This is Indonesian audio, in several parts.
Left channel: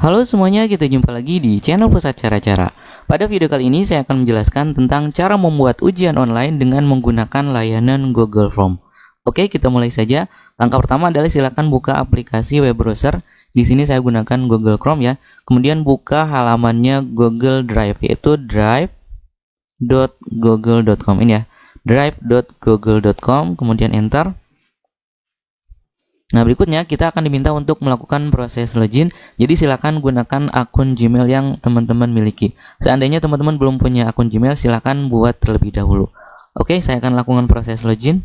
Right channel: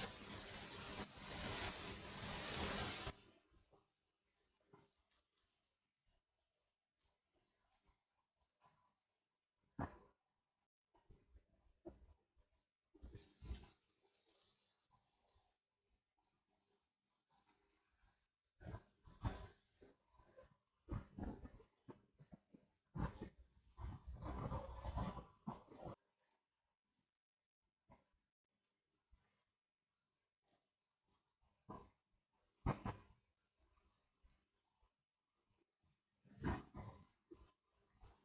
Halo semuanya, kita jumpa lagi di channel Pusat Cara-Cara. Pada video kali ini saya akan menjelaskan tentang cara membuat ujian online dengan menggunakan layanan Google Form. Oke, kita mulai saja. Langkah pertama adalah silakan buka aplikasi web browser. Di sini saya gunakan Google Chrome ya. Kemudian buka halamannya Google Drive, yaitu drive.google.com ini ya. drive.google.com, kemudian enter. Nah, berikutnya kita akan diminta untuk melakukan proses login. Jadi silakan gunakan akun Gmail yang teman-teman miliki. Seandainya teman-teman belum punya akun Gmail, silakan buat terlebih dahulu. Oke, saya akan lakukan proses login.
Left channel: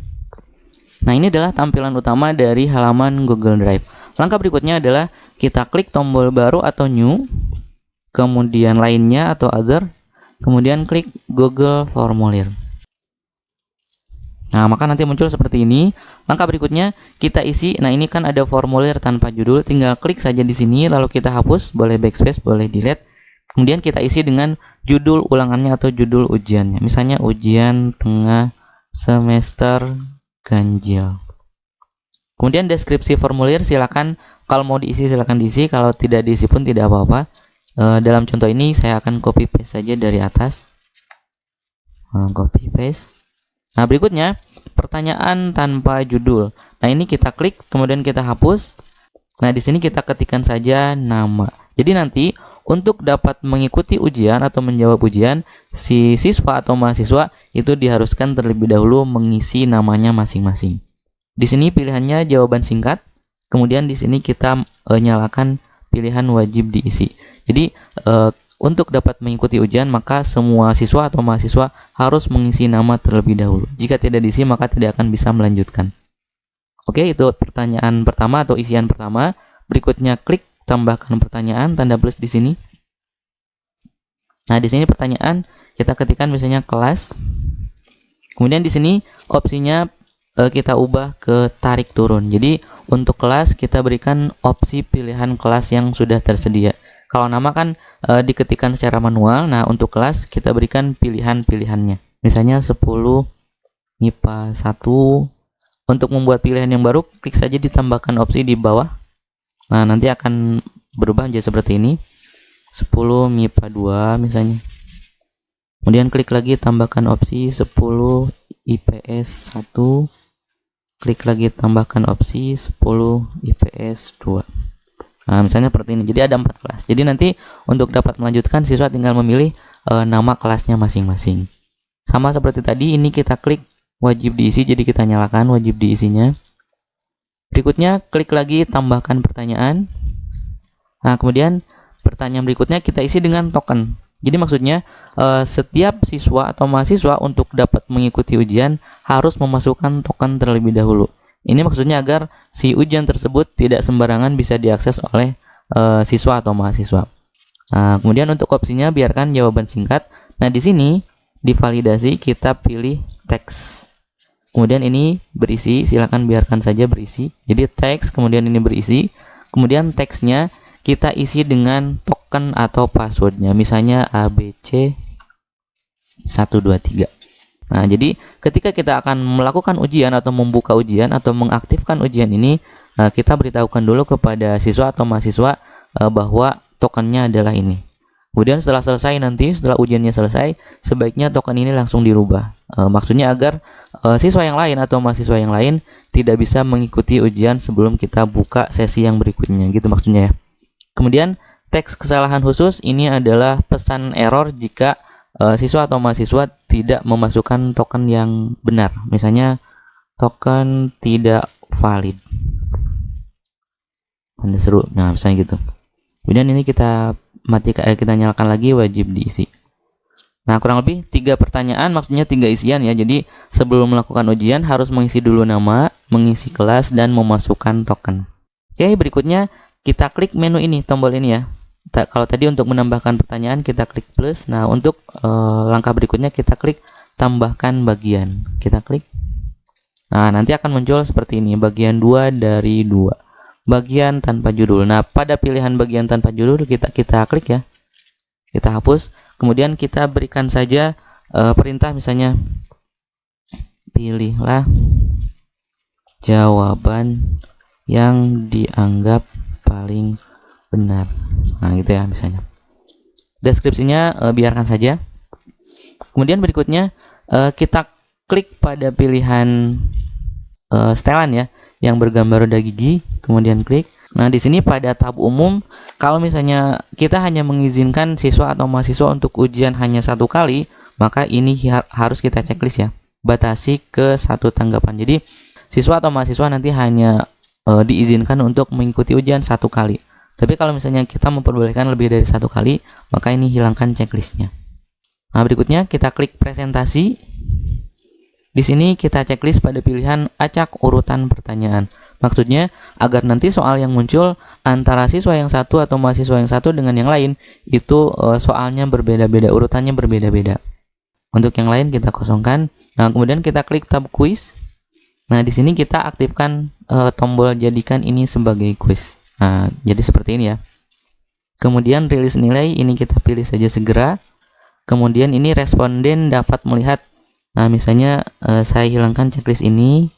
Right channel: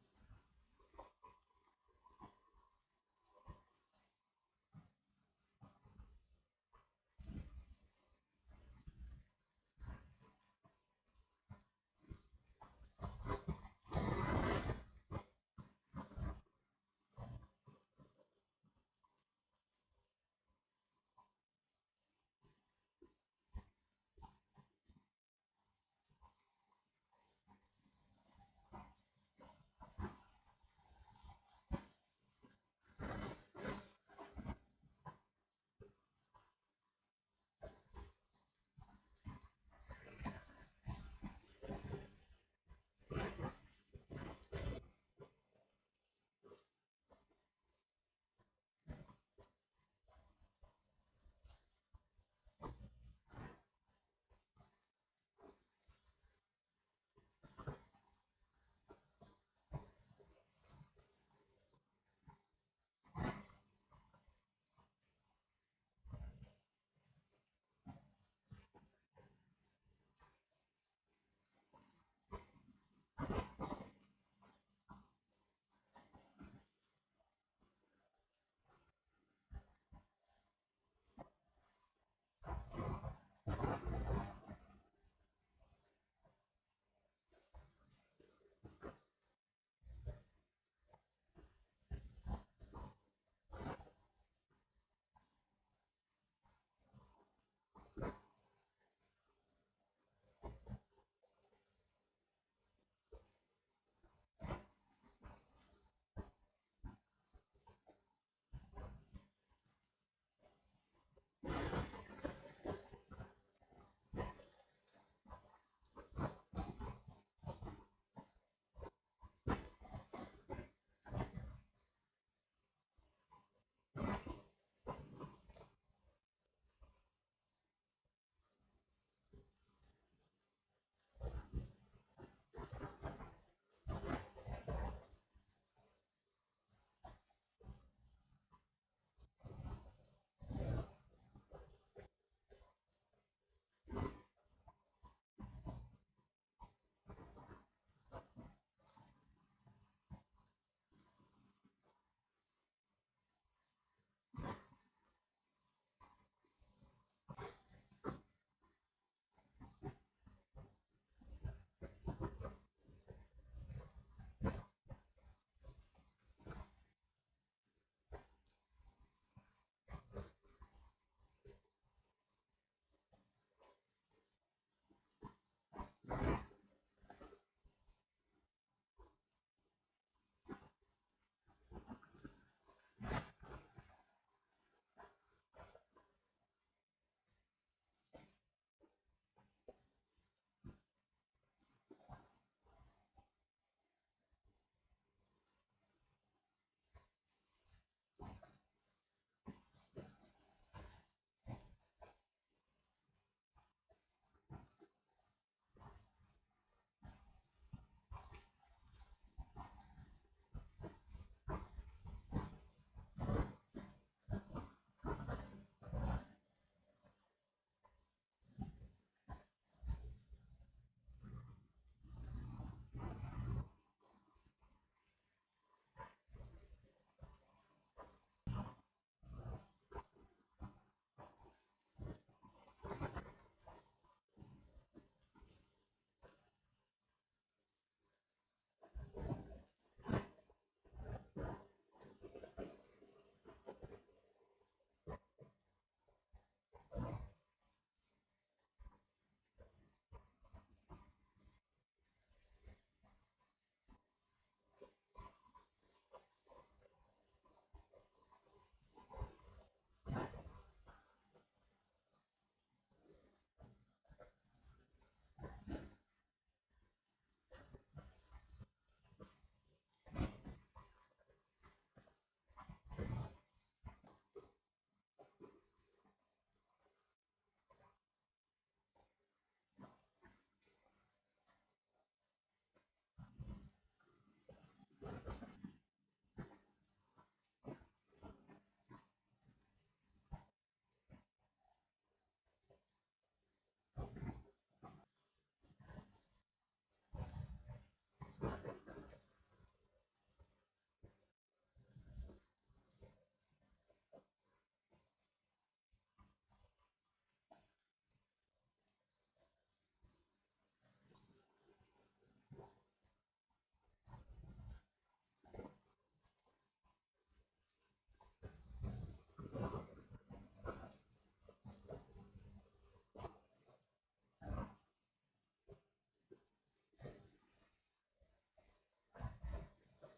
Nah, ini adalah tampilan utama dari halaman Google Drive. Langkah berikutnya adalah kita klik tombol baru atau new, kemudian lainnya atau other, kemudian klik Google Formulir. Nah, maka nanti muncul seperti ini. Langkah berikutnya kita isi. Nah, ini kan ada formulir tanpa judul, tinggal klik saja di sini lalu kita hapus, boleh backspace, boleh delete. Kemudian kita isi dengan judul ulangannya atau judul ujiannya. Misalnya ujian tengah semester ganjil. Kemudian deskripsi formulir silakan, kalau mau diisi silakan diisi, kalau tidak diisi pun tidak apa-apa. Dalam contoh ini saya akan copy paste saja dari atas. Copy paste. Nah, berikutnya pertanyaan tanpa judul. Nah, ini kita klik, kemudian kita hapus. Nah, di sini kita ketikkan saja nama. Jadi nanti untuk dapat mengikuti ujian atau menjawab ujian, si siswa atau mahasiswa itu diharuskan terlebih dahulu mengisi namanya masing-masing. Di sini pilihannya jawaban singkat. Kemudian di sini kita nyalakan pilihan wajib diisi. Jadi untuk dapat mengikuti ujian, maka semua siswa atau mahasiswa harus mengisi nama terlebih dahulu. Jika tidak diisi, maka tidak akan bisa melanjutkan. Oke, itu pertanyaan pertama atau isian pertama. Berikutnya klik tambahkan pertanyaan, tanda plus di sini. Nah, di sini pertanyaan kita ketikkan misalnya kelas. Kemudian di sini opsinya kita ubah ke tarik turun. Jadi untuk kelas kita berikan opsi pilihan kelas yang sudah tersedia. Kalau nama kan diketikkan secara manual. Nah, untuk kelas kita berikan pilihan-pilihannya. Misalnya 10 MIPA 1. Untuk membuat pilihan yang baru, klik saja ditambahkan opsi di bawah. Nah, nanti akan berubah menjadi seperti ini. 10 MIPA 2 misalnya. Kemudian klik lagi tambahkan opsi 10 IPS 1. Klik lagi tambahkan opsi 10 IPS 2. Nah, misalnya seperti ini. Jadi ada 4 kelas. Jadi nanti untuk dapat melanjutkan, siswa tinggal memilih nama kelasnya masing-masing. Sama seperti tadi, ini kita klik wajib diisi, jadi kita nyalakan wajib diisinya. Berikutnya klik lagi tambahkan pertanyaan. Nah, kemudian pertanyaan berikutnya kita isi dengan token. Jadi maksudnya setiap siswa atau mahasiswa untuk dapat mengikuti ujian harus memasukkan token terlebih dahulu. Ini maksudnya agar si ujian tersebut tidak sembarangan bisa diakses oleh siswa atau mahasiswa. Nah, kemudian untuk opsinya biarkan jawaban singkat. Nah, di sini divalidasi kita pilih teks. Kemudian ini berisi, silakan biarkan saja berisi. Jadi teks, kemudian ini berisi. Kemudian teksnya kita isi dengan token atau passwordnya. Misalnya ABC 123. Nah, jadi ketika kita akan melakukan ujian atau membuka ujian atau mengaktifkan ujian ini, kita beritahukan dulu kepada siswa atau mahasiswa bahwa tokennya adalah ini. Kemudian setelah selesai nanti, setelah ujiannya selesai, sebaiknya token ini langsung dirubah. Maksudnya agar siswa yang lain atau mahasiswa yang lain tidak bisa mengikuti ujian sebelum kita buka sesi yang berikutnya, gitu maksudnya ya. Kemudian teks kesalahan khusus ini adalah pesan error jika siswa atau mahasiswa tidak memasukkan token yang benar. Misalnya token tidak valid. Tanda seru. Nah, misalnya gitu. Kemudian ini kita kita nyalakan lagi wajib diisi. Nah, kurang lebih 3 pertanyaan, maksudnya 3 isian ya. Jadi sebelum melakukan ujian harus mengisi dulu nama, mengisi kelas, dan memasukkan token. Oke, berikutnya kita klik menu ini, tombol ini ya. Kalau tadi untuk menambahkan pertanyaan kita klik plus. Nah, untuk langkah berikutnya kita klik tambahkan bagian. Kita klik. Nah, nanti akan muncul seperti ini, bagian 2 dari 2. Bagian tanpa judul. Nah, pada pilihan bagian tanpa judul kita klik ya. Kita hapus. Kemudian kita berikan saja perintah misalnya pilihlah jawaban yang dianggap paling benar. Nah, gitu ya misalnya. Deskripsinya biarkan saja. Kemudian berikutnya kita klik pada pilihan setelan ya, yang bergambar roda gigi, kemudian klik. Nah, di sini pada tab umum, kalau misalnya kita hanya mengizinkan siswa atau mahasiswa untuk ujian hanya 1 kali, maka ini harus kita checklist ya. Batasi ke 1 tanggapan. Jadi, siswa atau mahasiswa nanti hanya diizinkan untuk mengikuti ujian 1 kali. Tapi kalau misalnya kita memperbolehkan lebih dari 1 kali, maka ini hilangkan checklistnya. Nah, berikutnya kita klik presentasi. Di sini kita checklist pada pilihan acak urutan pertanyaan. Maksudnya agar nanti soal yang muncul antara siswa yang satu atau mahasiswa yang satu dengan yang lain itu soalnya berbeda-beda, urutannya berbeda-beda. Untuk yang lain kita kosongkan. Nah, kemudian kita klik tab quiz. Nah, di sini kita aktifkan tombol jadikan ini sebagai quiz. Nah, jadi seperti ini ya. Kemudian rilis nilai ini kita pilih saja segera. Kemudian ini responden dapat melihat. Nah, misalnya saya hilangkan checklist ini.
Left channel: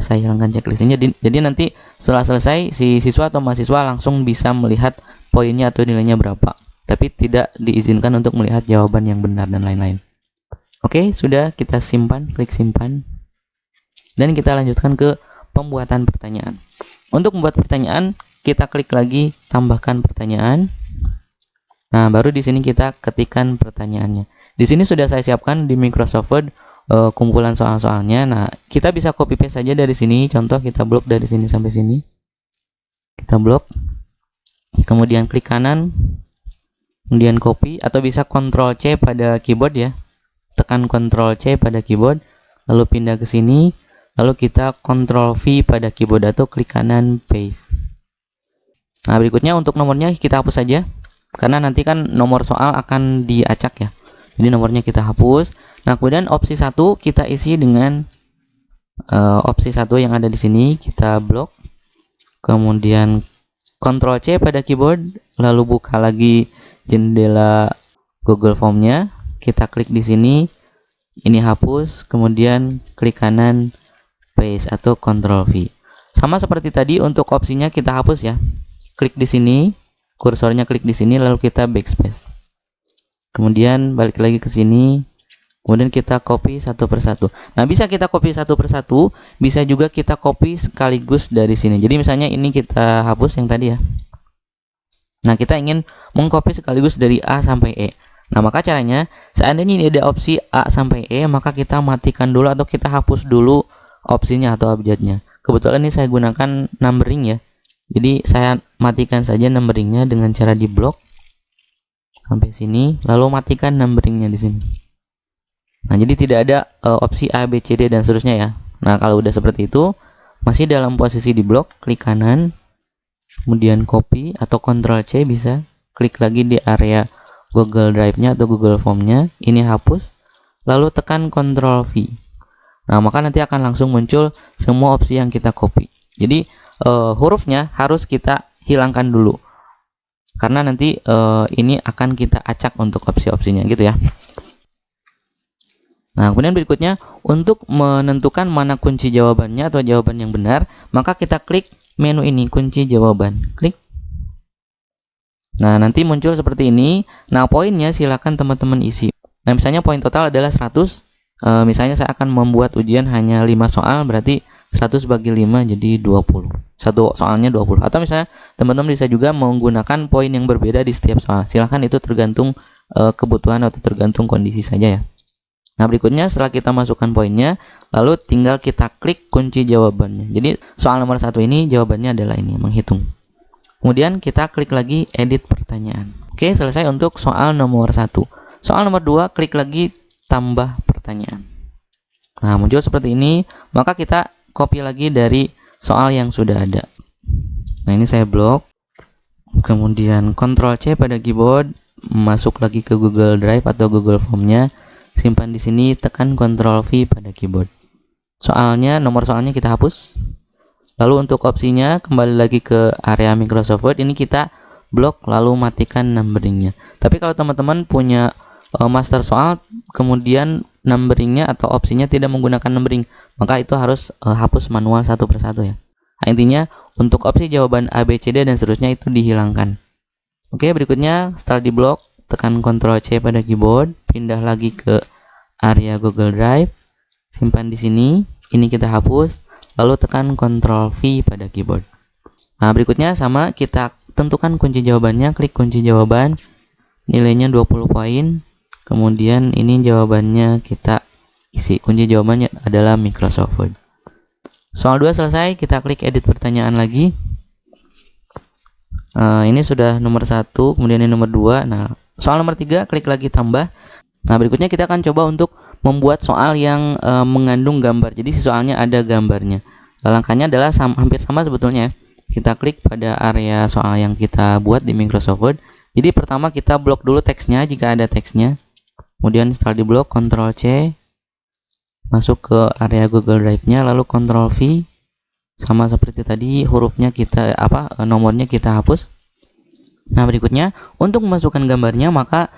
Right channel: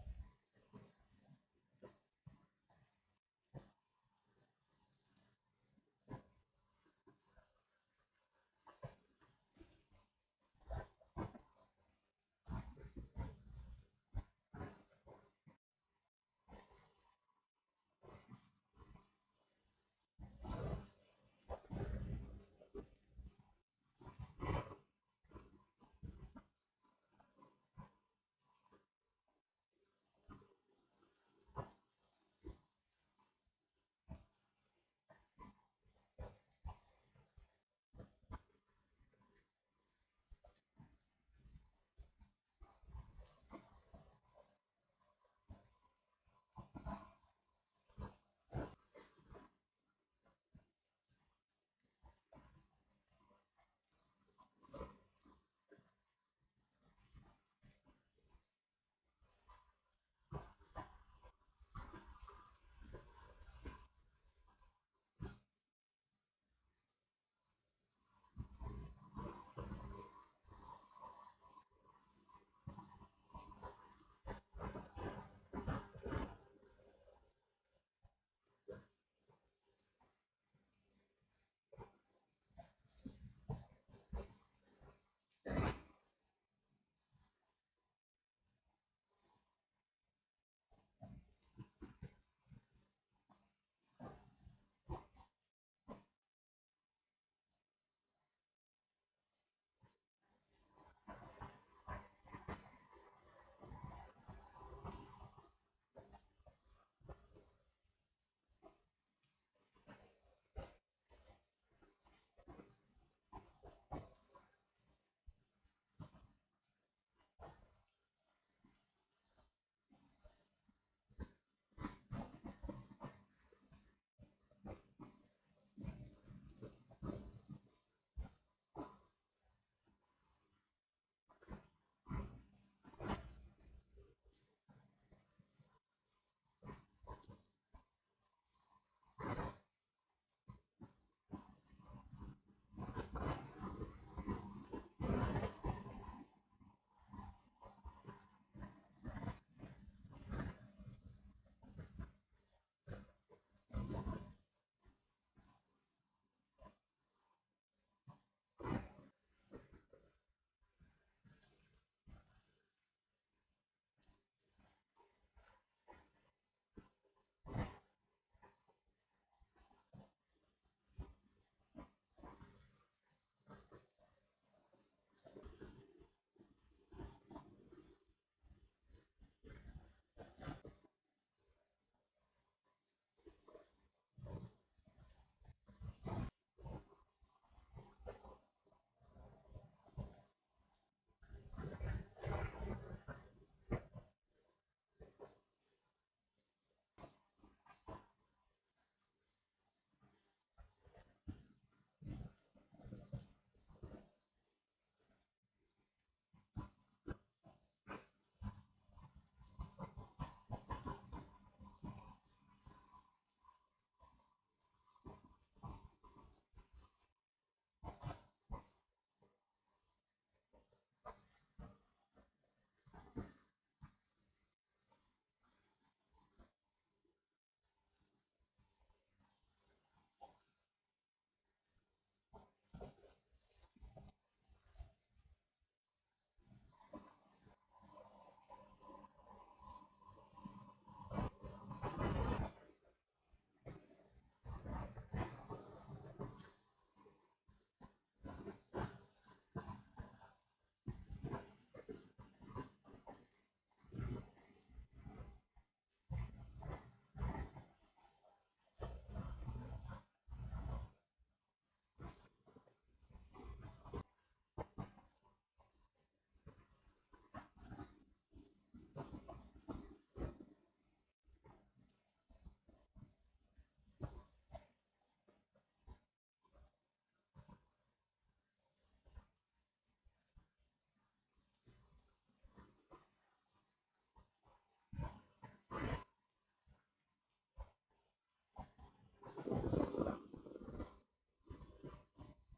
Saya hilangkan checklistnya. Jadi nanti setelah selesai si siswa atau mahasiswa langsung bisa melihat poinnya atau nilainya berapa. Tapi tidak diizinkan untuk melihat jawaban yang benar dan lain-lain. Oke, sudah kita simpan, klik simpan. Dan kita lanjutkan ke pembuatan pertanyaan. Untuk membuat pertanyaan, kita klik lagi tambahkan pertanyaan. Nah, baru di sini kita ketikkan pertanyaannya. Di sini sudah saya siapkan di Microsoft Word kumpulan soal-soalnya. Nah, kita bisa copy paste saja dari sini. Contoh kita blok dari sini sampai sini. Kita blok. Kemudian klik kanan. Kemudian copy atau bisa Ctrl C pada keyboard ya. Tekan Ctrl C pada keyboard, lalu pindah ke sini, lalu kita Ctrl V pada keyboard atau klik kanan paste. Nah, berikutnya untuk nomornya kita hapus saja. Karena nanti kan nomor soal akan diacak ya. Jadi nomornya kita hapus. Nah, kemudian opsi 1 kita isi dengan opsi 1 yang ada di sini, kita blok. Kemudian Ctrl C pada keyboard, lalu buka lagi jendela Google Form-nya. Kita klik di sini, ini hapus, kemudian klik kanan paste atau Ctrl V. Sama seperti tadi untuk opsinya kita hapus ya. Klik di sini, kursornya klik di sini, lalu kita backspace. Kemudian balik lagi ke sini, kemudian kita copy satu persatu. Nah, bisa kita copy satu persatu, bisa juga kita copy sekaligus dari sini. Jadi misalnya ini kita hapus yang tadi ya. Nah, kita ingin mengcopy sekaligus dari A sampai E. Nah, maka caranya, seandainya ini ada opsi A sampai E, maka kita matikan dulu atau kita hapus dulu opsinya atau abjadnya. Kebetulan ini saya gunakan numbering ya. Jadi saya matikan saja numberingnya dengan cara di blok sampai sini, lalu matikan numberingnya di sini. Nah, jadi tidak ada opsi A, B, C, D dan seterusnya ya. Nah, kalau udah seperti itu, masih dalam posisi di blok, klik kanan, kemudian copy atau Ctrl C bisa, klik lagi di area Google Drive-nya atau Google Form-nya, ini hapus, lalu tekan Ctrl V. Nah, maka nanti akan langsung muncul semua opsi yang kita copy. Jadi hurufnya harus kita hilangkan dulu, karena nanti ini akan kita acak untuk opsi-opsinya gitu ya. Nah, kemudian berikutnya untuk menentukan mana kunci jawabannya atau jawaban yang benar, maka kita klik menu ini, kunci jawaban, klik. Nah, nanti muncul seperti ini. Nah, poinnya silakan teman-teman isi. Nah, misalnya poin total adalah 100. Misalnya saya akan membuat ujian hanya 5 soal, berarti 100 bagi 5 jadi 20. Satu soalnya 20. Atau misalnya teman-teman bisa juga menggunakan poin yang berbeda di setiap soal. Silakan, itu tergantung kebutuhan atau tergantung kondisi saja ya. Nah, berikutnya setelah kita masukkan poinnya, lalu tinggal kita klik kunci jawabannya. Jadi soal nomor 1 ini jawabannya adalah ini, menghitung. Kemudian kita klik lagi edit pertanyaan. Oke, selesai untuk soal nomor 1. Soal nomor 2, klik lagi tambah pertanyaan. Nah, muncul seperti ini. Maka kita copy lagi dari soal yang sudah ada. Nah, ini saya blok. Kemudian Ctrl C pada keyboard, masuk lagi ke Google Drive atau Google Form-nya. Simpan di sini, tekan Ctrl V pada keyboard. Soalnya, nomor soalnya kita hapus. Lalu untuk opsinya kembali lagi ke area Microsoft Word, ini kita blok lalu matikan numberingnya. Tapi kalau teman-teman punya master soal kemudian numberingnya atau opsinya tidak menggunakan numbering, maka itu harus hapus manual satu persatu ya. Nah, intinya untuk opsi jawaban A, B, C, D dan seterusnya itu dihilangkan. Oke, berikutnya setelah diblok, tekan Ctrl C pada keyboard, pindah lagi ke area Google Drive, simpan di sini, ini kita hapus, lalu tekan Ctrl V pada keyboard. Nah, berikutnya sama, kita tentukan kunci jawabannya, klik kunci jawaban, nilainya 20 poin, kemudian ini jawabannya kita isi. Kunci jawabannya adalah Microsoft Word. Soal 2 selesai, kita klik edit pertanyaan lagi. Ini sudah nomor 1, kemudian ini nomor 2. Nah, soal nomor 3, klik lagi tambah. Nah, berikutnya kita akan coba untuk membuat soal yang mengandung gambar. Jadi soalnya ada gambarnya. Langkahnya adalah hampir sama sebetulnya. Kita klik pada area soal yang kita buat di Microsoft Word. Jadi pertama kita blok dulu teksnya jika ada teksnya. Kemudian setelah diblok, Ctrl C, masuk ke area Google Drive-nya, lalu Ctrl V, sama seperti tadi hurufnya kita nomornya kita hapus. Nah, berikutnya untuk memasukkan gambarnya maka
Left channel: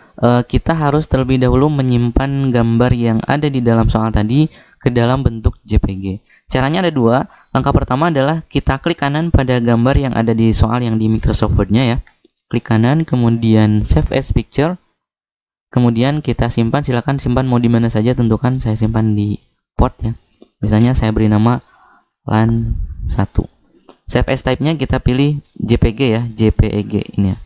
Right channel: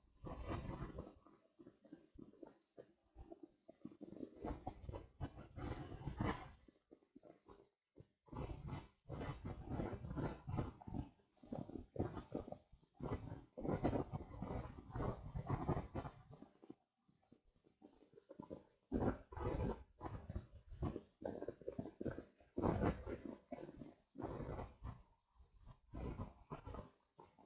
kita harus terlebih dahulu menyimpan gambar yang ada di dalam soal tadi ke dalam bentuk JPG. Caranya ada dua. Langkah pertama adalah kita klik kanan pada gambar yang ada di soal yang di Microsoft Word-nya ya. Klik kanan, kemudian Save as Picture. Kemudian kita simpan, silakan simpan mau di mana saja, tentukan saya simpan di port ya. Misalnya saya beri nama LAN 1. Save as type-nya kita pilih JPG ya, JPEG ini ya.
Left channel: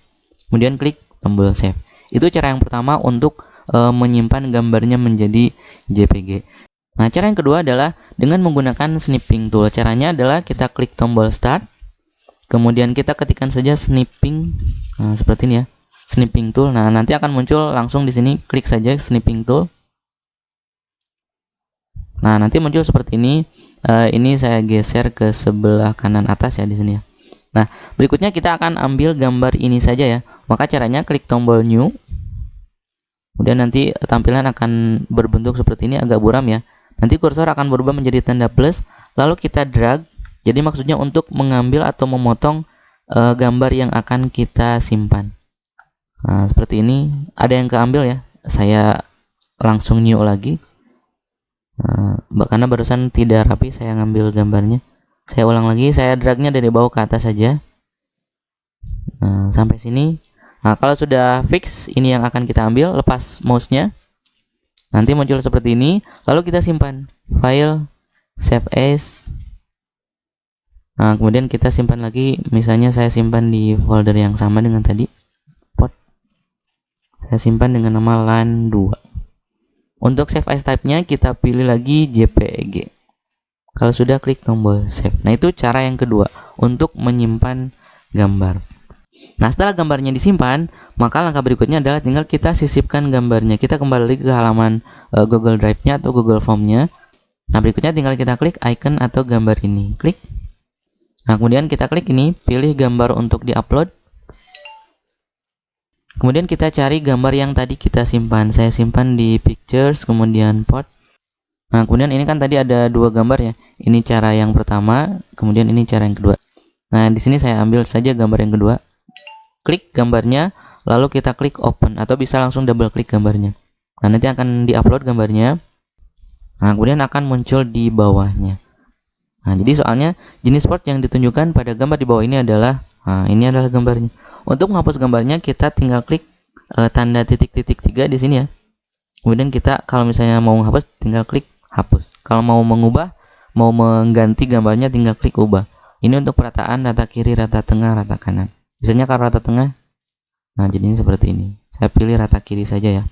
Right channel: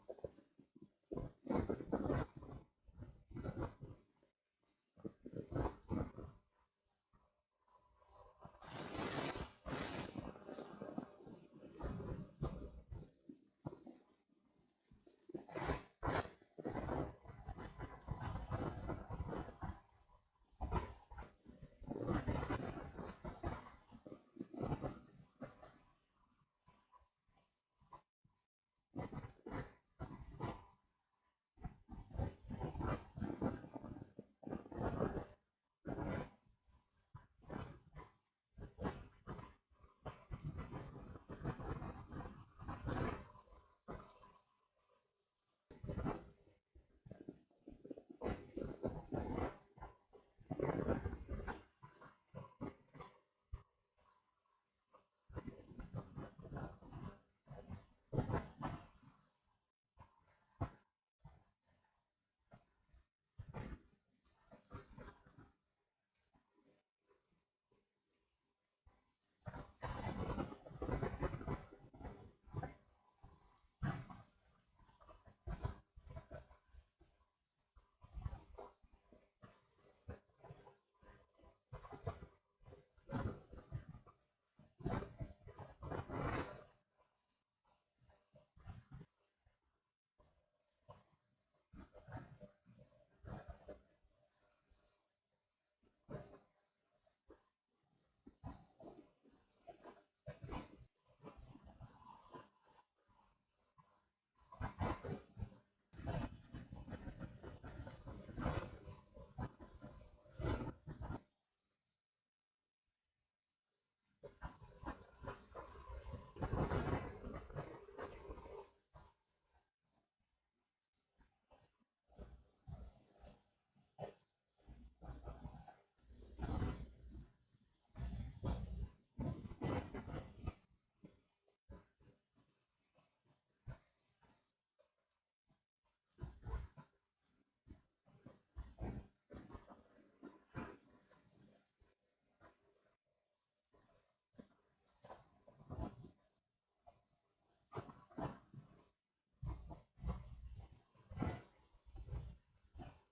Kemudian klik tombol save. Itu cara yang pertama untuk menyimpan gambarnya menjadi JPG. Nah, cara yang kedua adalah dengan menggunakan snipping tool. Caranya adalah kita klik tombol start, kemudian kita ketikkan saja snipping, seperti ini ya. Snipping tool. Nah, nanti akan muncul langsung di sini, klik saja snipping tool. Nah, nanti muncul seperti ini. Ini saya geser ke sebelah kanan atas ya di sini ya. Nah, berikutnya kita akan ambil gambar ini saja ya. Maka caranya klik tombol new. Kemudian nanti tampilan akan berbentuk seperti ini, agak buram ya. Nanti kursor akan berubah menjadi tanda plus, lalu kita drag. Jadi maksudnya untuk mengambil atau memotong gambar yang akan kita simpan. Nah, seperti ini. Ada yang keambil ya. Saya langsung new lagi. Karena barusan tidak rapi saya ngambil gambarnya. Saya ulang lagi. Saya dragnya dari bawah ke atas saja. Sampai sini. Nah, kalau sudah fix, ini yang akan kita ambil. Lepas mouse-nya. Nanti muncul seperti ini. Lalu kita simpan. File, save as. Nah, kemudian kita simpan lagi. Misalnya saya simpan di folder yang sama dengan tadi. Saya simpan dengan nama LAN 2. Untuk save as type-nya kita pilih lagi JPEG. Kalau sudah, klik tombol save. Nah, itu cara yang kedua untuk menyimpan gambar. Nah, setelah gambarnya disimpan, maka langkah berikutnya adalah tinggal kita sisipkan gambarnya. Kita kembali ke halaman Google Drive-nya atau Google Form-nya. Nah, berikutnya tinggal kita klik icon atau gambar ini. Klik. Nah, kemudian kita klik ini, pilih gambar untuk di-upload. Kemudian kita cari gambar yang tadi kita simpan. Saya simpan di pictures, kemudian port. Nah, kemudian ini kan tadi ada dua gambar ya. Ini cara yang pertama, kemudian ini cara yang kedua. Nah, di sini saya ambil saja gambar yang kedua. Klik gambarnya, lalu kita klik open atau bisa langsung double klik gambarnya. Nah, nanti akan di-upload gambarnya. Nah, kemudian akan muncul di bawahnya. Nah, jadi soalnya jenis port yang ditunjukkan pada gambar di bawah ini adalah, ini adalah gambarnya. Untuk menghapus gambarnya kita tinggal klik tanda titik-titik 3 di sini ya. Kemudian kita kalau misalnya mau menghapus tinggal klik hapus. Kalau mau mengubah, mau mengganti gambarnya tinggal klik ubah. Ini untuk perataan rata kiri, rata tengah, rata kanan. Misalnya kalau rata tengah, nah jadinya seperti ini. Saya pilih rata kiri saja ya.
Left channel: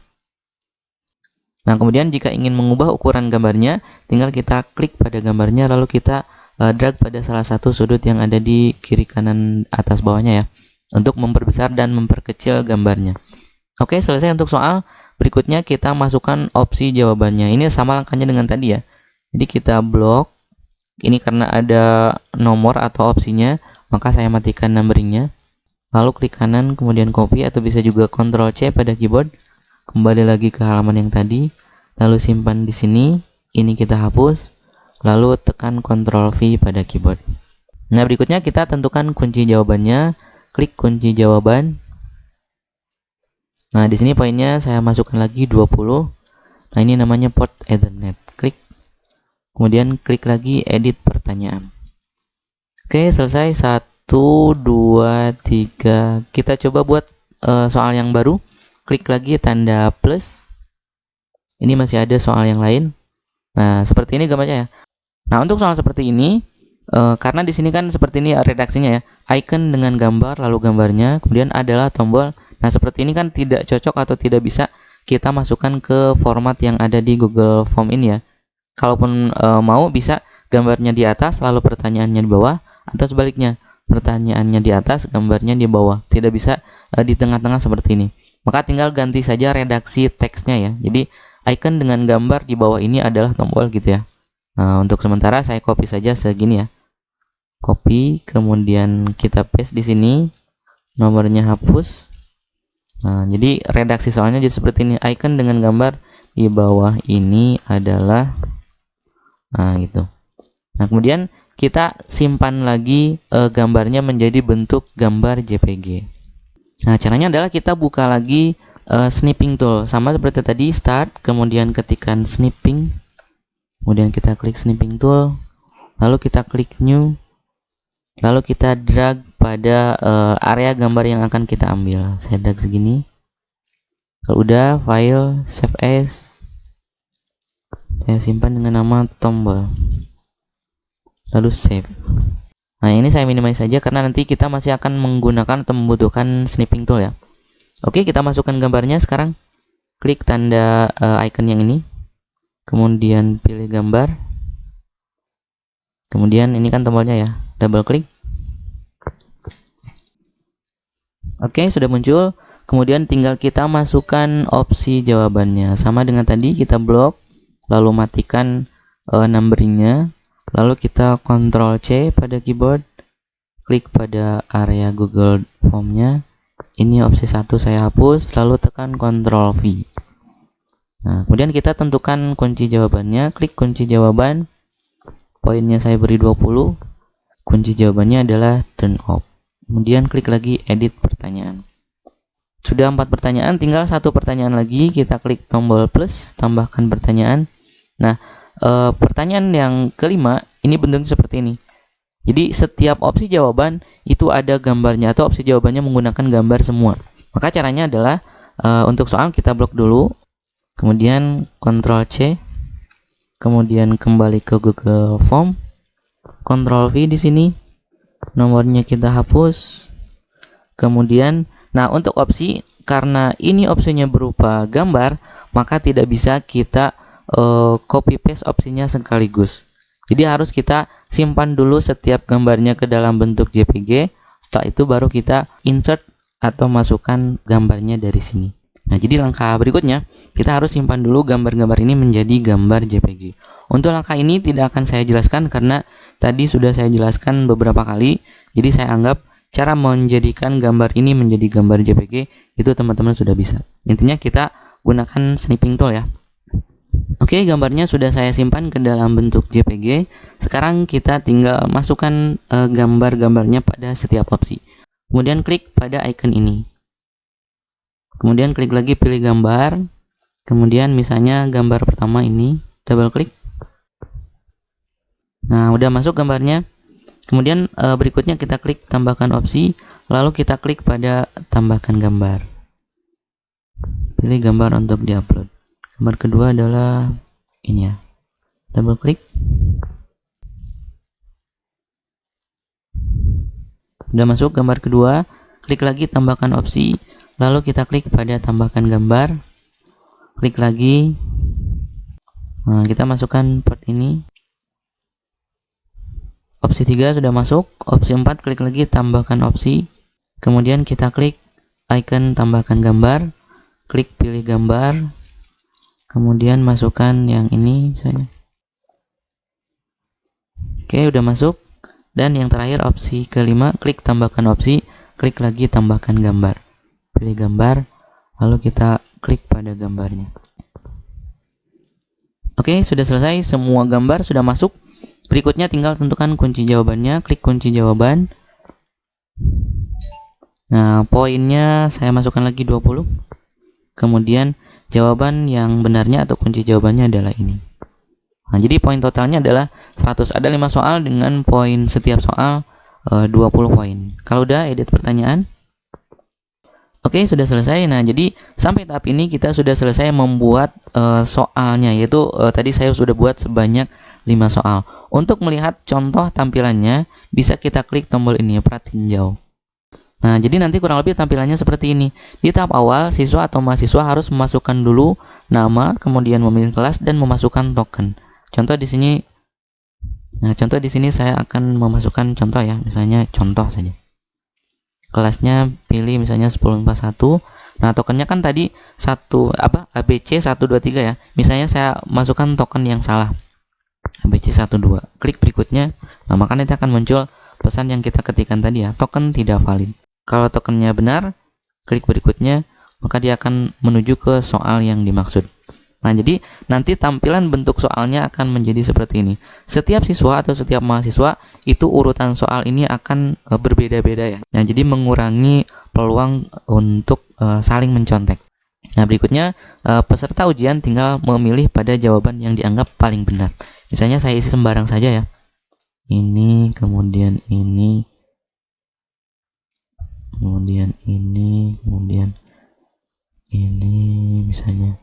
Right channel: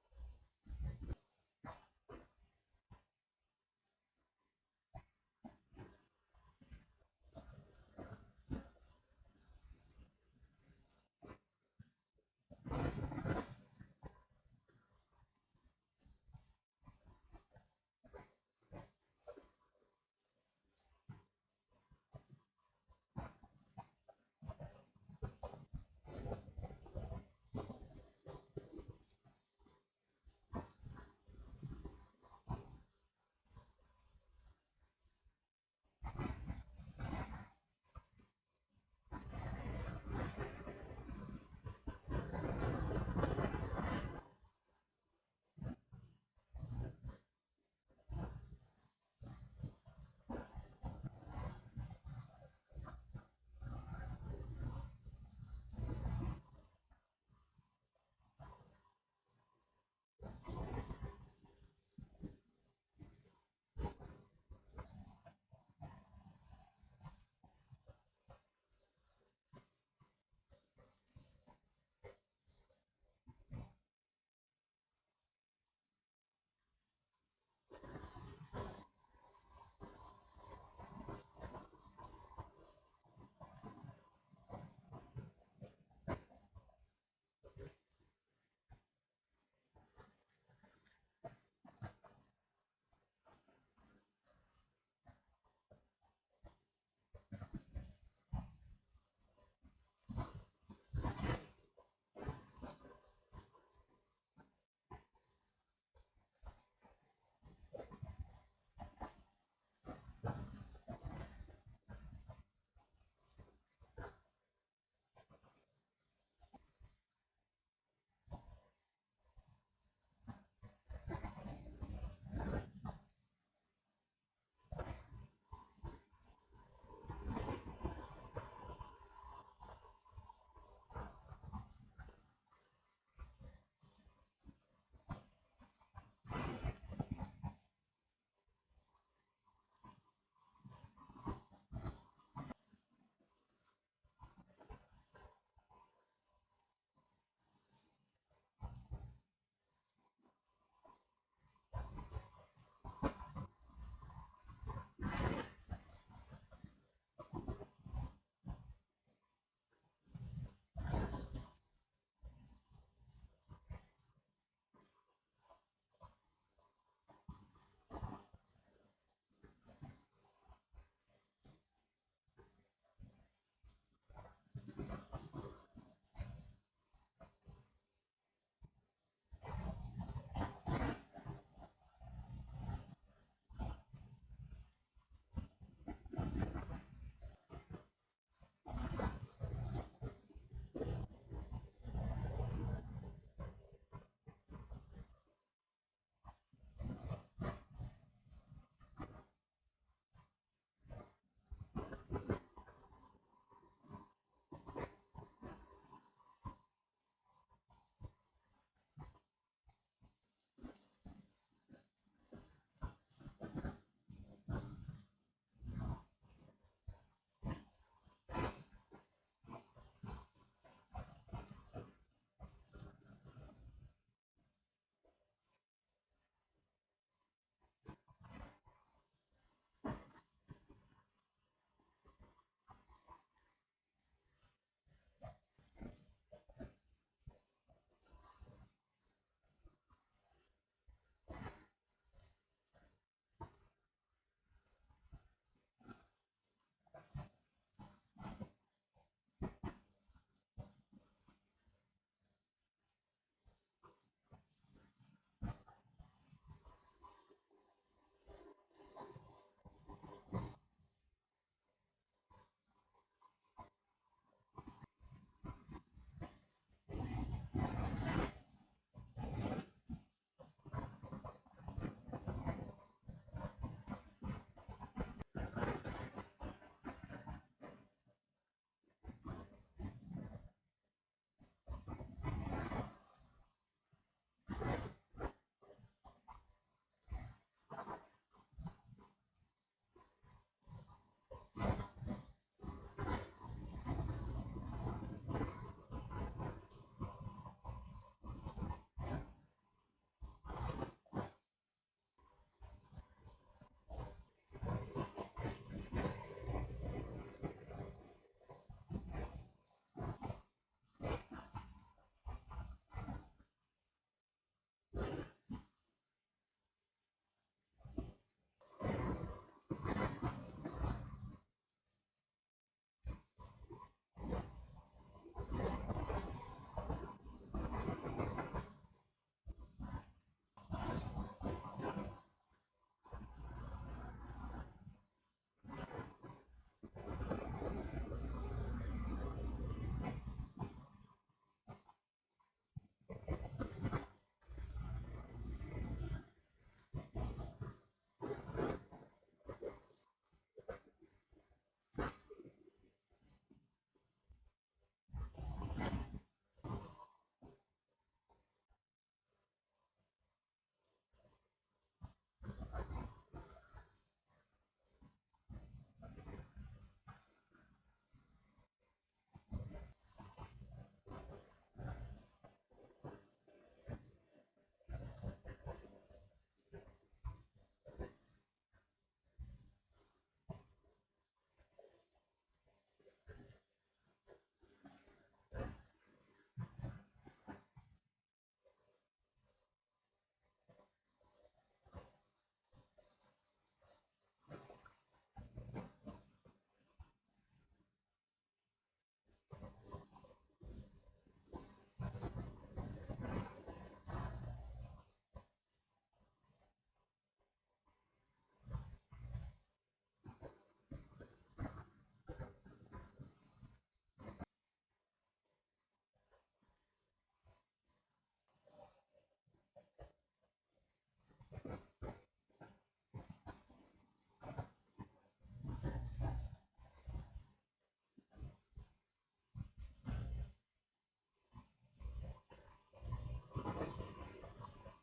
Nah, kemudian jika ingin mengubah ukuran gambarnya, tinggal kita klik pada gambarnya lalu kita drag pada salah satu sudut yang ada di kiri kanan atas bawahnya ya, untuk memperbesar dan memperkecil gambarnya. Oke, selesai untuk soal. Berikutnya kita masukkan opsi jawabannya. Ini sama langkahnya dengan tadi ya. Jadi kita blok. Ini karena ada nomor atau opsinya, maka saya matikan numberingnya. Lalu klik kanan, kemudian copy atau bisa juga Ctrl C pada keyboard. Kembali lagi ke halaman yang tadi. Lalu simpan di sini. Ini kita hapus. Lalu tekan Ctrl V pada keyboard. Nah, berikutnya kita tentukan kunci jawabannya. Klik kunci jawaban. Nah, di sini poinnya saya masukkan lagi 20. Nah, ini namanya port Ethernet. Klik. Kemudian klik lagi edit pertanyaan. Oke, selesai. 1, 2, 3. Kita coba buat soal yang baru. Klik lagi tanda plus. Ini masih ada soal yang lain. Nah, seperti ini gambarnya ya. Nah, untuk soal seperti ini, karena di sini kan seperti ini redaksinya ya. Icon dengan gambar, lalu gambarnya, kemudian adalah tombol. Nah, seperti ini kan tidak cocok atau tidak bisa kita masukkan ke format yang ada di Google Form ini ya. Kalaupun mau bisa gambarnya di atas, lalu pertanyaannya di bawah, atau sebaliknya, pertanyaannya di atas, gambarnya di bawah. Tidak bisa di tengah-tengah seperti ini. Maka tinggal ganti saja redaksi teksnya ya. Jadi, icon dengan gambar di bawah ini adalah tombol gitu ya. Nah, untuk sementara saya copy saja segini ya. Copy, kemudian kita paste di sini. Nomornya hapus. Nah, jadi redaksi soalnya jadi seperti ini. Icon dengan gambar di bawah ini adalah gitu. Nah, kemudian kita simpan lagi gambarnya menjadi bentuk gambar JPG. Nah, caranya adalah kita buka lagi snipping tool. Sama seperti tadi, start, kemudian ketikkan snipping. Kemudian kita klik snipping tool, lalu kita klik new, lalu kita drag pada area gambar yang akan kita ambil. Saya drag segini. Kalau udah, file, save as, saya simpan dengan nama tombol, lalu save. Nah, ini saya minimize saja karena nanti kita masih akan menggunakan atau membutuhkan snipping tool ya. Oke, kita masukkan gambarnya sekarang. Klik tanda icon yang ini, kemudian pilih gambar, kemudian ini kan tombolnya ya, double klik. Oke, sudah muncul. Kemudian tinggal kita masukkan opsi jawabannya. Sama dengan tadi, kita blok, lalu matikan numberingnya, lalu kita Ctrl C pada keyboard, klik pada area Google Formnya. Ini opsi 1 saya hapus, lalu tekan Ctrl V. Nah, kemudian kita tentukan kunci jawabannya, klik kunci jawaban, poinnya saya beri 20, kunci jawabannya adalah turn off. Kemudian klik lagi edit pertanyaan. Sudah 4 pertanyaan, tinggal 1 pertanyaan lagi. Kita klik tombol plus, tambahkan pertanyaan. Nah, pertanyaan yang kelima ini bentuknya seperti ini. Jadi setiap opsi jawaban itu ada gambarnya atau opsi jawabannya menggunakan gambar semua. Maka caranya adalah untuk soal kita blok dulu, kemudian Ctrl C, kemudian kembali ke Google Form, Ctrl V di sini, nomornya kita hapus, kemudian nah, untuk opsi, karena ini opsinya berupa gambar, maka tidak bisa kita copy paste opsinya sekaligus. Jadi harus kita simpan dulu setiap gambarnya ke dalam bentuk JPG. Setelah itu baru kita insert atau masukkan gambarnya dari sini. Nah, jadi langkah berikutnya, kita harus simpan dulu gambar-gambar ini menjadi gambar JPG. Untuk langkah ini tidak akan saya jelaskan karena tadi sudah saya jelaskan beberapa kali. Jadi saya anggap cara menjadikan gambar ini menjadi gambar JPG itu teman-teman sudah bisa. Intinya kita gunakan snipping tool ya. Oke, gambarnya sudah saya simpan ke dalam bentuk JPG. Sekarang kita tinggal masukkan gambar-gambarnya pada setiap opsi. Kemudian klik pada icon ini. Kemudian klik lagi pilih gambar. Kemudian misalnya gambar pertama ini, double klik. Nah, udah masuk gambarnya. Kemudian berikutnya kita klik tambahkan opsi, lalu kita klik pada tambahkan gambar. Pilih gambar untuk diupload. Gambar kedua adalah ini ya. Double klik. Sudah masuk gambar kedua, klik lagi tambahkan opsi, lalu kita klik pada tambahkan gambar. Klik lagi. Nah, kita masukkan part ini. Opsi 3 sudah masuk, opsi 4 klik lagi tambahkan opsi, kemudian kita klik icon tambahkan gambar, klik pilih gambar, kemudian masukkan yang ini misalnya. Oke, udah masuk. Dan yang terakhir opsi kelima, klik tambahkan opsi, klik lagi tambahkan gambar, pilih gambar, lalu kita klik pada gambarnya. Oke, sudah selesai, semua gambar sudah masuk. Berikutnya tinggal tentukan kunci jawabannya, klik kunci jawaban. Nah, poinnya saya masukkan lagi 20. Kemudian jawaban yang benarnya atau kunci jawabannya adalah ini. Nah, jadi poin totalnya adalah 100. Ada 5 soal dengan poin setiap soal 20 poin. Kalau udah edit pertanyaan. Oke, sudah selesai. Nah, jadi sampai tahap ini kita sudah selesai membuat soalnya, yaitu tadi saya sudah buat sebanyak 5 soal. Untuk melihat contoh tampilannya, bisa kita klik tombol ini, pratinjau. Nah, jadi nanti kurang lebih tampilannya seperti ini. Di tahap awal, siswa atau mahasiswa harus memasukkan dulu nama, kemudian memilih kelas dan memasukkan token. Contoh di sini, contoh di sini saya akan memasukkan contoh ya, misalnya contoh saja. Kelasnya pilih misalnya 1041. Nah, tokennya kan tadi ABC 123 ya. Misalnya saya masukkan token yang salah. ABC 12. Klik berikutnya. Nah, maka nanti akan muncul pesan yang kita ketikkan tadi ya, token tidak valid. Kalau tokennya benar, klik berikutnya, maka dia akan menuju ke soal yang dimaksud. Nah, jadi nanti tampilan bentuk soalnya akan menjadi seperti ini. Setiap siswa atau setiap mahasiswa itu urutan soal ini akan berbeda-beda ya. Nah, jadi mengurangi peluang untuk saling mencontek. Nah, berikutnya peserta ujian tinggal memilih pada jawaban yang dianggap paling benar. Misalnya saya isi sembarang saja ya. Ini, kemudian ini, kemudian ini, kemudian ini misalnya.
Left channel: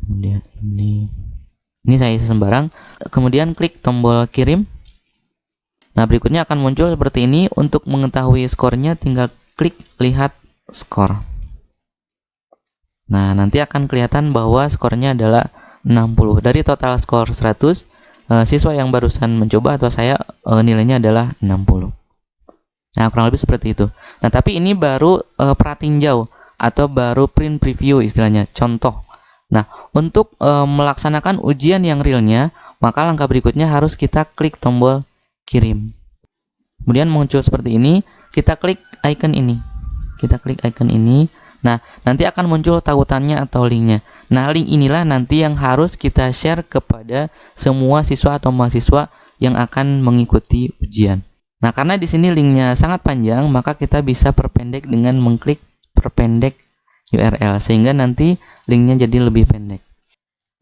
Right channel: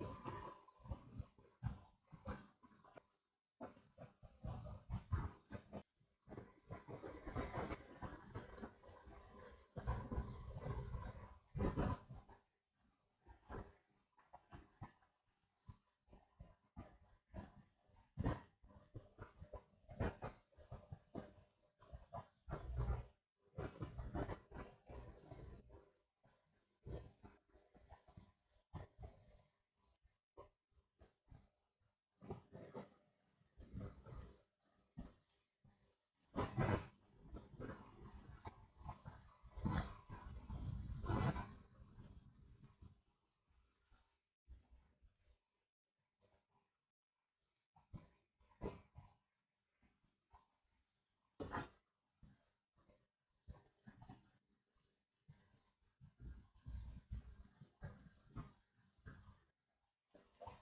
Kemudian ini saya isi sembarang, kemudian klik tombol kirim. Nah, berikutnya akan muncul seperti ini. Untuk mengetahui skornya tinggal klik lihat skor. Nah, nanti akan kelihatan bahwa skornya adalah 60. Dari total skor 100, siswa yang barusan mencoba atau saya nilainya adalah 60. Nah, kurang lebih seperti itu. Nah, tapi ini baru pratinjau atau baru print preview istilahnya, contoh. Nah, untuk melaksanakan ujian yang realnya, maka langkah berikutnya harus kita klik tombol kirim. Kemudian muncul seperti ini, kita klik icon ini. Kita klik icon ini. Nah, nanti akan muncul tautannya atau linknya. Nah, link inilah nanti yang harus kita share kepada semua siswa atau mahasiswa yang akan mengikuti ujian. Nah, karena di sini linknya sangat panjang, maka kita bisa perpendek dengan mengklik perpendek URL sehingga nanti linknya jadi lebih pendek.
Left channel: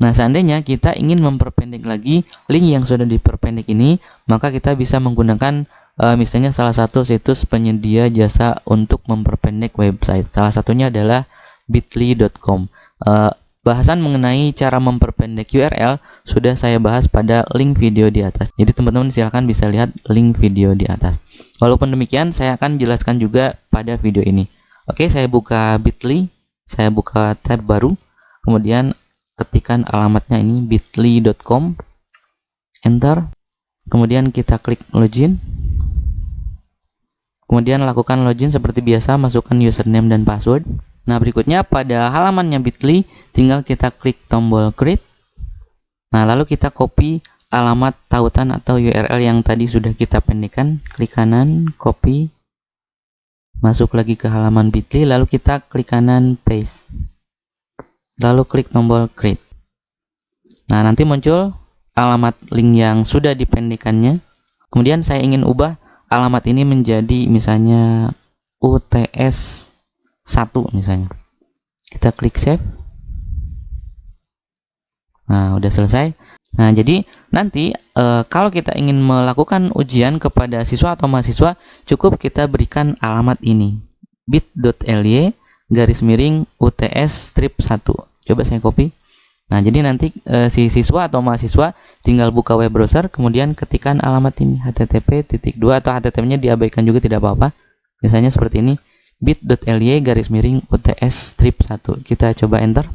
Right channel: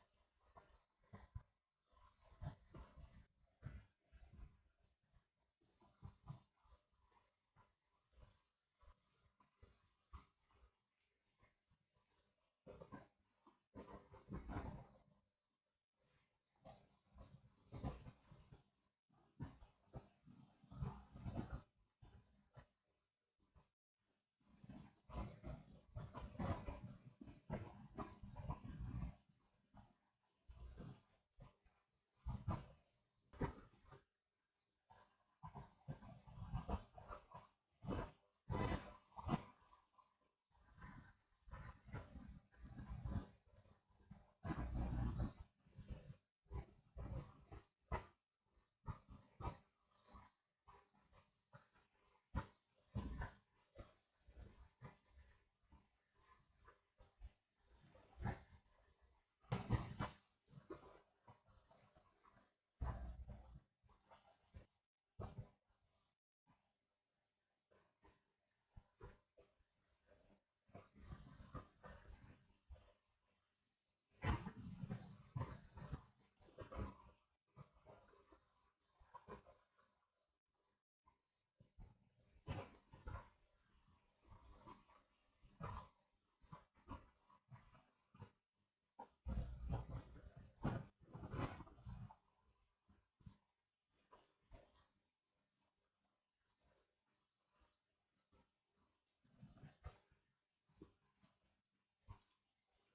Nah, seandainya kita ingin memperpendek lagi link yang sudah diperpendek ini, maka kita bisa menggunakan misalnya salah satu situs penyedia jasa untuk memperpendek website. Salah satunya adalah bitly.com. Bahasan mengenai cara memperpendek URL sudah saya bahas pada link video di atas. Jadi teman-teman silahkan bisa lihat link video di atas. Walaupun demikian, saya akan jelaskan juga pada video ini. Oke, saya buka Bitly. Saya buka tab baru, kemudian ketikkan alamatnya ini bitly.com, enter, kemudian kita klik login, kemudian lakukan login seperti biasa, masukkan username dan password. Nah, berikutnya pada halamannya Bitly tinggal kita klik tombol create. Nah, lalu kita copy alamat tautan atau URL yang tadi sudah kita pendekkan, klik kanan, copy, masuk lagi ke halaman Bitly, lalu kita klik kanan paste, lalu klik tombol create. Nah, nanti muncul alamat link yang sudah dipendekannya. Kemudian saya ingin ubah alamat ini menjadi misalnya UTS 1 misalnya. Kita klik save. Nah, udah selesai. Nah, jadi nanti kalau kita ingin melakukan ujian kepada siswa atau mahasiswa, cukup kita berikan alamat ini, bit.ly /UTS strip 1. Coba saya copy. Nah, jadi nanti si siswa atau mahasiswa tinggal buka web browser, kemudian ketikkan alamat ini, http:// atau http-nya diabaikan juga tidak apa-apa. Misalnya seperti ini, bit.ly /UTS strip 1. Kita coba enter.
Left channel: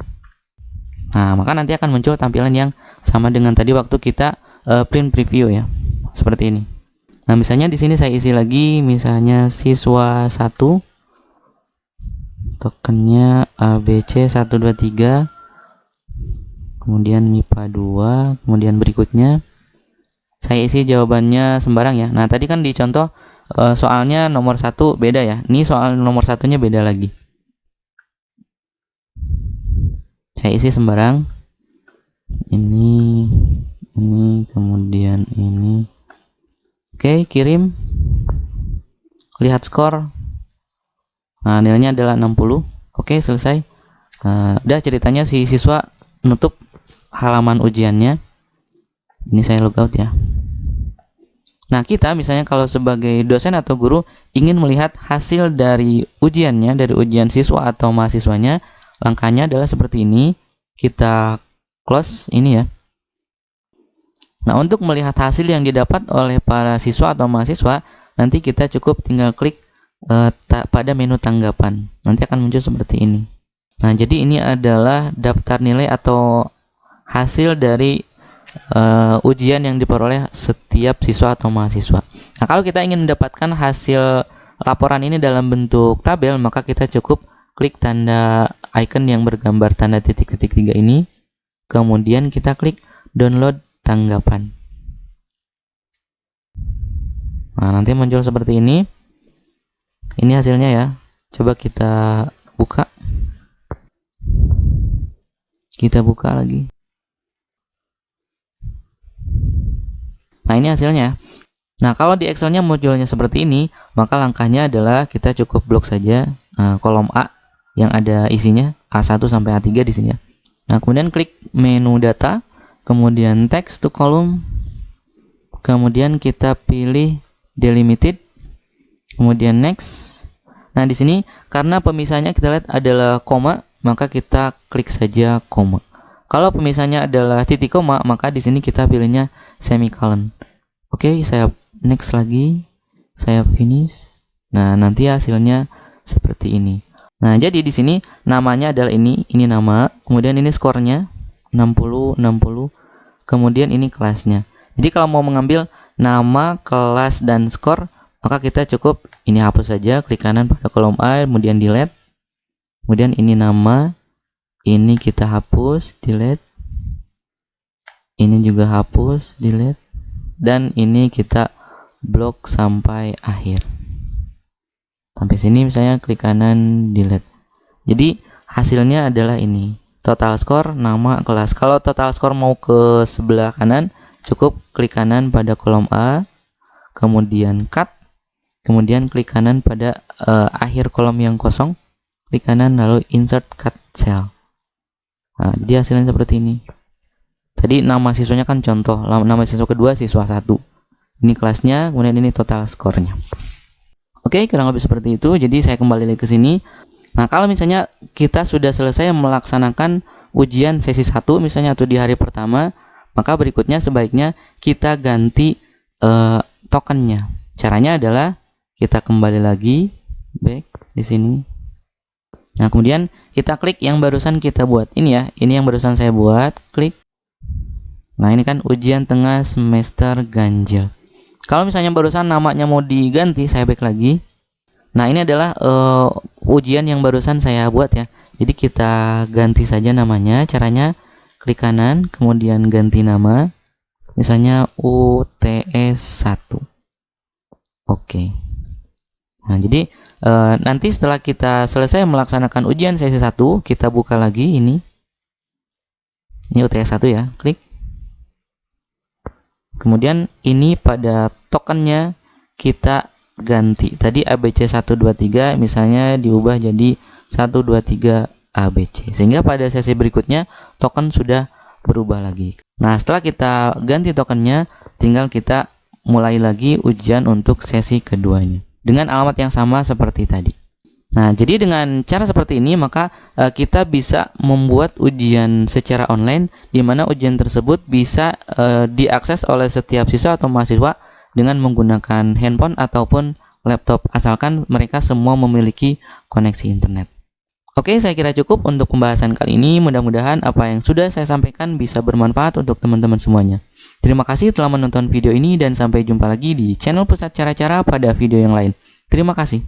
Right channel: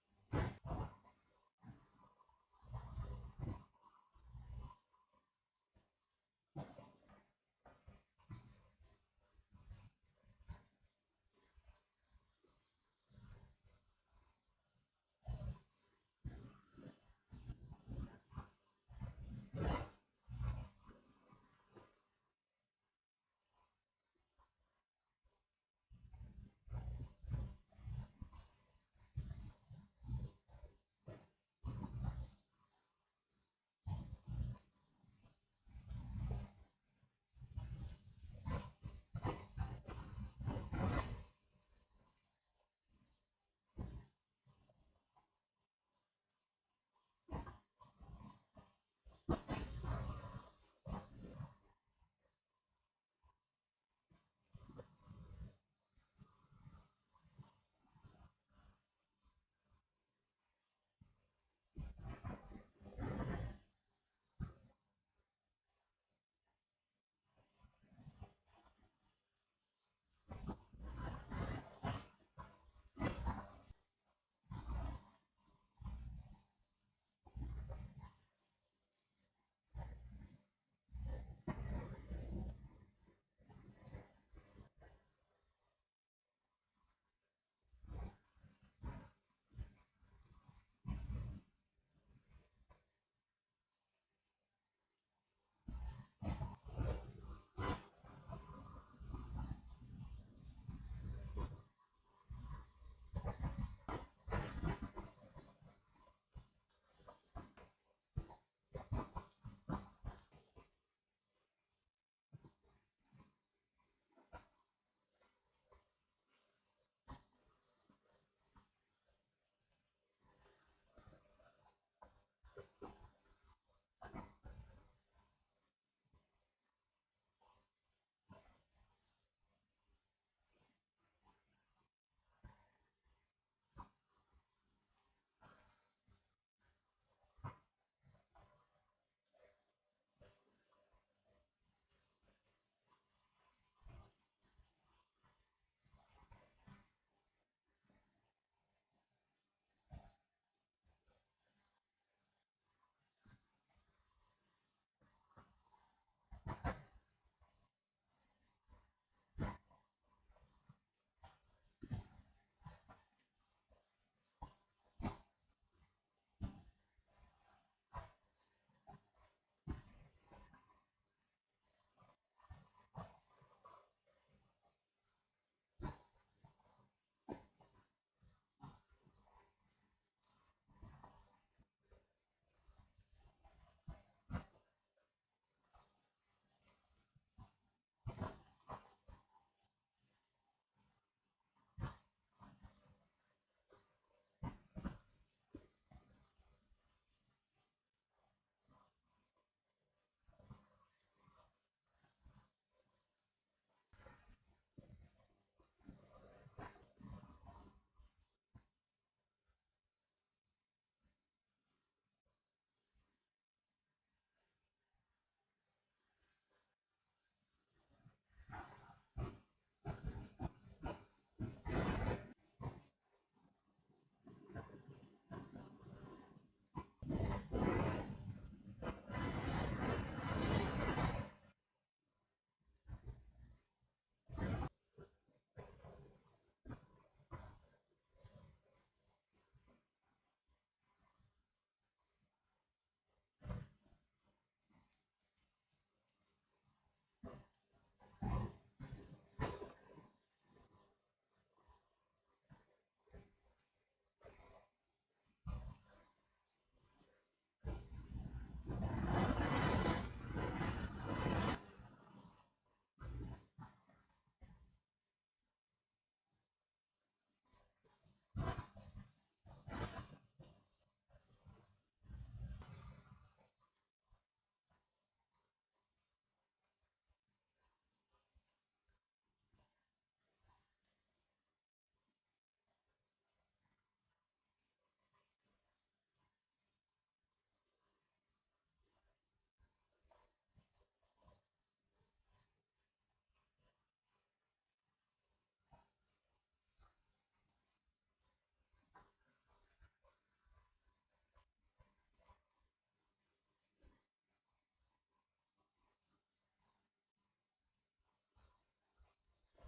Nah, maka nanti akan muncul tampilan yang sama dengan tadi waktu kita print preview ya. Seperti ini. Nah, misalnya di sini saya isi lagi misalnya siswa 1, tokennya ABC 123, kemudian MIPA 2, kemudian berikutnya saya isi jawabannya sembarang ya. Nah, tadi kan di contoh soalnya nomor 1 beda ya. Ini soal nomor satunya beda lagi. Saya isi sembarang. Ini, kemudian ini. Oke, kirim. Lihat skor. Nah, nilainya adalah 60. Oke, selesai. Udah ceritanya si siswa menutup halaman ujiannya. Ini saya logout ya. Nah, kita misalnya kalau sebagai dosen atau guru ingin melihat hasil dari ujiannya, dari ujian siswa atau mahasiswanya, langkahnya adalah seperti ini. Kita close ini ya. Nah, untuk melihat hasil yang didapat oleh para siswa atau mahasiswa, nanti kita cukup tinggal klik pada menu tanggapan. Nanti akan muncul seperti ini. Nah, jadi ini adalah daftar nilai atau hasil dari ujian yang diperoleh setiap siswa atau mahasiswa. Nah, kalau kita ingin mendapatkan hasil laporan ini dalam bentuk tabel, maka kita cukup klik tanda icon yang bergambar tanda titik-titik 3 ini. Kemudian kita klik download tanggapan. Nah, nanti muncul seperti ini. Ini hasilnya ya. Coba kita buka. Kita buka lagi. Nah, ini hasilnya. Nah, kalau di Excelnya munculnya seperti ini, maka langkahnya adalah kita cukup blok saja kolom A yang ada isinya A1 sampai A3 di sini ya. Nah, kemudian klik menu data, kemudian text to column, kemudian kita pilih delimited, kemudian next. Nah, di sini karena pemisahnya kita lihat adalah koma, maka kita klik saja koma. Kalau pemisahnya adalah titik koma, maka di sini kita pilihnya semicolon. Oke, saya next lagi, saya finish. Nah, nanti hasilnya seperti ini. Nah, jadi di sini namanya adalah ini nama, kemudian ini skornya 60, 60, kemudian ini kelasnya. Jadi kalau mau mengambil nama, kelas, dan skor, maka kita cukup ini hapus saja, klik kanan pada kolom A, kemudian delete. Kemudian ini nama, ini kita hapus, delete. Ini juga hapus, delete. Dan ini kita blok sampai akhir. Sampai sini misalnya klik kanan, delete. Jadi hasilnya adalah ini. Total skor, nama, kelas. Kalau total skor mau ke sebelah kanan, cukup klik kanan pada kolom A, kemudian cut, kemudian klik kanan pada akhir kolom yang kosong, klik kanan lalu insert cut cell. Nah, jadi hasilnya seperti ini. Tadi nama siswanya kan contoh, nama siswa kedua siswa 1. Ini kelasnya, kemudian ini total skornya. Oke, kurang lebih seperti itu. Jadi saya kembali lagi ke sini. Nah, kalau misalnya kita sudah selesai melaksanakan ujian sesi 1 misalnya atau di hari pertama, maka berikutnya sebaiknya kita ganti tokennya. Caranya adalah kita kembali lagi back di sini. Nah, kemudian kita klik yang barusan kita buat. Ini ya, ini yang barusan saya buat, klik. Nah, ini kan ujian tengah semester ganjil. Kalau misalnya barusan namanya mau diganti, saya back lagi. Nah, ini adalah ujian yang barusan saya buat ya. Jadi kita ganti saja namanya. Caranya klik kanan, kemudian ganti nama. Misalnya UTS 1. Oke. Nah, jadi nanti setelah kita selesai melaksanakan ujian sesi 1, kita buka lagi ini. Ini UTS 1 ya, klik. Kemudian ini pada tokennya kita ganti. Tadi ABC 123 misalnya diubah jadi 123 ABC. Sehingga pada sesi berikutnya token sudah berubah lagi. Nah, setelah kita ganti tokennya, tinggal kita mulai lagi ujian untuk sesi keduanya dengan alamat yang sama seperti tadi. Nah, jadi dengan cara seperti ini maka kita bisa membuat ujian secara online di mana ujian tersebut bisa diakses oleh setiap siswa atau mahasiswa dengan menggunakan handphone ataupun laptop asalkan mereka semua memiliki koneksi internet. Oke, saya kira cukup untuk pembahasan kali ini. Mudah-mudahan apa yang sudah saya sampaikan bisa bermanfaat untuk teman-teman semuanya. Terima kasih telah menonton video ini dan sampai jumpa lagi di channel Pusat Cara-Cara pada video yang lain. Terima kasih.